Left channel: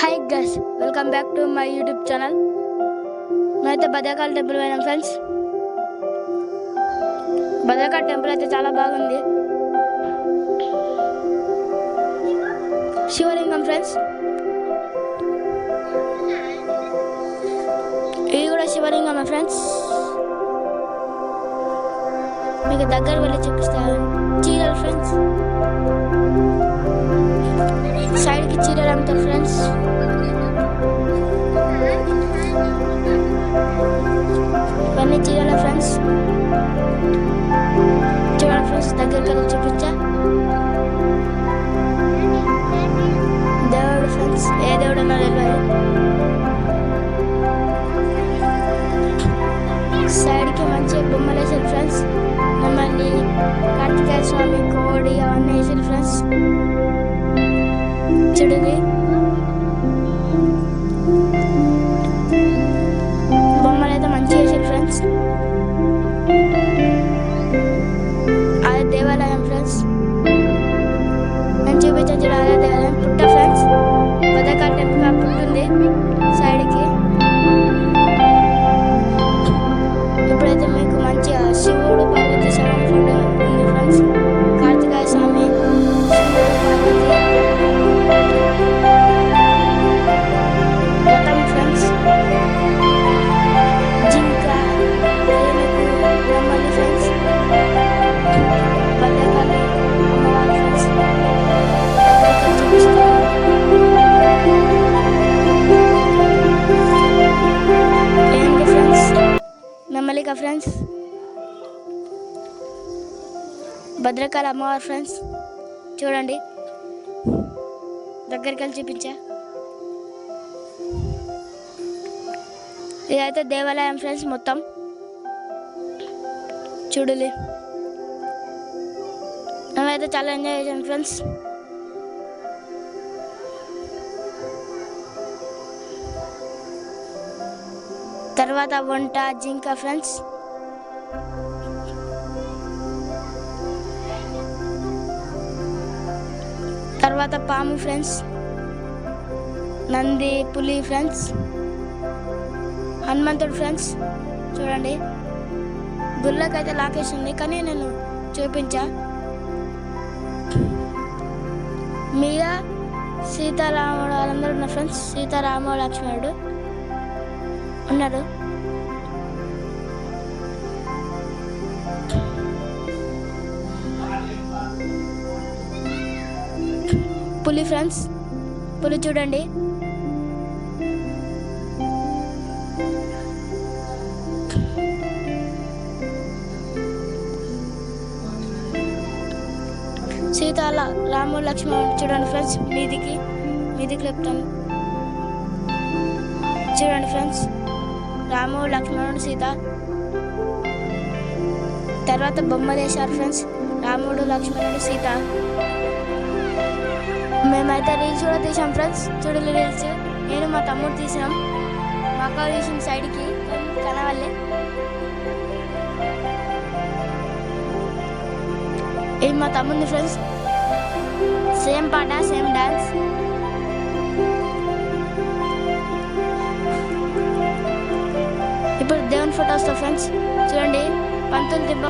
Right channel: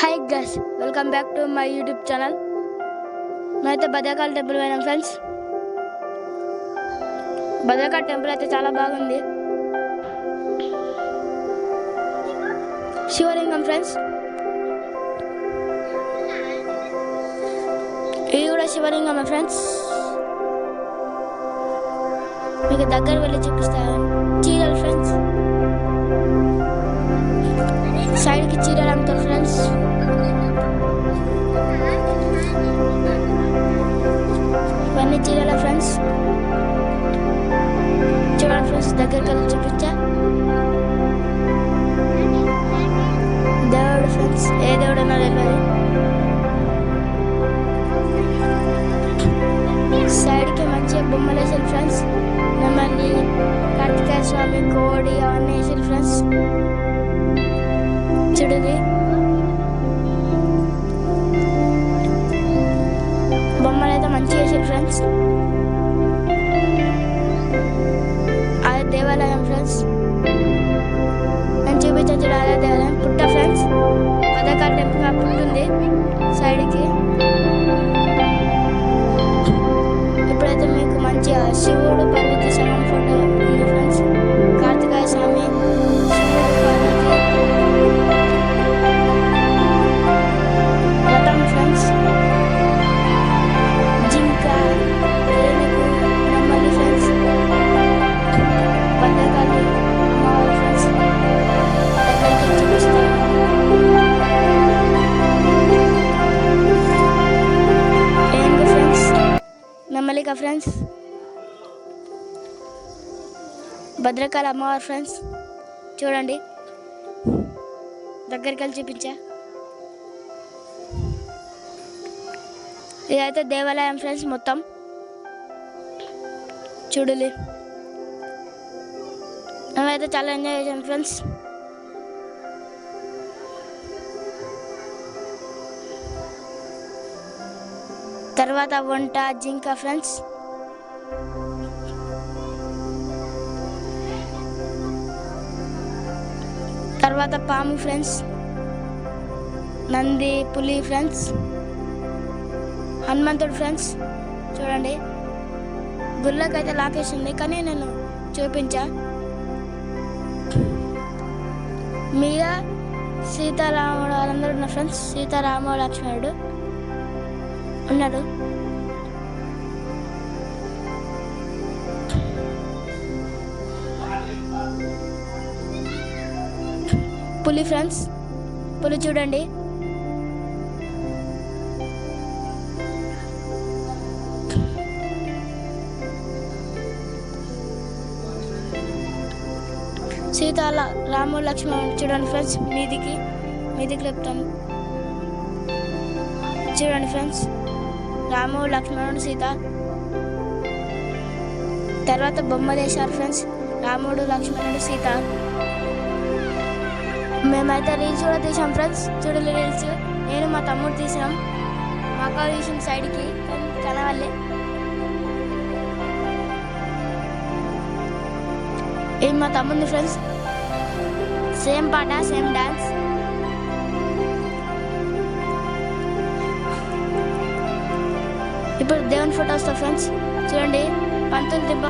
Hi guys, welcome back to my YouTube channel. మేమైతే Bhadrakali temple పోయినాం friends. Bhadrakali temple అయితే చాలా బాగుంది. శివలింగం ఫ్రెండ్స్, ఇది కూడా శివలింగమే ఫ్రెండ్స్. మీకు దగ్గర వెళ్ళి చూపిస్తాను. చీరలు ఫ్రెండ్స్, సైడ్కి చీరలు అమ్ముతారు ఫ్రెండ్స్. ఇవన్నీ చీరల ఫ్రెండ్స్. చూడండి ఫ్రెండ్స్, దగ్గరికి వెళ్ళి చూపించా. దేవుడు ఫ్రెండ్స్, ఏ దేవుడు అన్నా తెలియదు. సైడ్కి మంచిగా బొమ్మలు వేసారు ఫ్రెండ్స్. నెమలి, కార్తికేయ స్వామి, కోడి అవన్నీ వేసారు ఫ్రెండ్స్. చూడండి, బొమ్మలు అయితే మంచిగా వేసారు ఫ్రెండ్స్. అదే దేవాలయం ఫ్రెండ్స్. నేను చూపించాను చూడ, అదే దేవాలయం. పుట్ట ఫ్రెండ్స్, భద్రకాళి టెంపుల్ ఆ పుట్టు ఉంది సైడ్కి. ఇప్పుడైతే మీకు మంచిగా శివుడు పార్వతి సగం ఫోటో ఉంది ఫ్రెండ్స్. కార్తికేయ స్వామి, శివుడు, పార్వతి, రథం ఫ్రెండ్స్, జింక, ఏనుగు, నెమలి ఫ్రెండ్స్, భద్రకాళి అమ్మవారు ఫ్రెండ్స్. దగ్గరికి చూపిస్తాను. ఏనుగు ఫ్రెండ్స్, నెమలిక ఫ్రెండ్స్, భద్రకాళి అమ్మవారు ఫ్రెండ్స్. చూడండి, దగ్గరికి వెళ్ళి చూపించా. ఇదైతే దేవాలయం ఫ్రెండ్స్. మొత్తం చూడలే, మేమైతే చాలా ఎంజాయ్ చేసాం ఫ్రెండ్స్. తర్వాత వంట, జింక ఫ్రెండ్స్. తర్వాత పాము ఫ్రెండ్స్, నంది, పులి ఫ్రెండ్స్, హనుమంతుడు ఫ్రెండ్స్. చూడండి, గుళ్ళకైతే లాకేషన్ ఉంది కానీ నేను చూపించా. మీద సీతారాముడు వాళ్ళందరూ ఉన్నారు ఫ్రెండ్స్. సీతారాముడు, లక్ష్మణుడు ఉన్నాడు. పులి ఫ్రెండ్స్, పులి చూడండి. సీత, రాముడు, లక్ష్మణుడు చూడండి ఫ్రెండ్స్. మీదికి లేపుతాను. చూడండి ఫ్రెండ్స్, రాముడు, లక్ష్మణుడు, సీత. తర్వాత బొమ్మలు వేశారు ఫ్రెండ్స్. రాముడు, లక్ష్మణుడు, సీత. మేమైతే రీల్స్ కూడా తీసాం ఫ్రెండ్స్. చూడలే రీల్స్ నేను మా తమ్ముడు తీసినాం. మా అక్క తీసిన సైడ్కి కనవల్లే. ఇది మా తమ్ముంది ఫ్రెండ్స్. సేమ్ పాట, సేమ్ డాన్స్. ఇప్పుడు దేవుని ఫోటో వస్తా ఫ్రెండ్స్. చూడండి, పంతులు దిబ్బ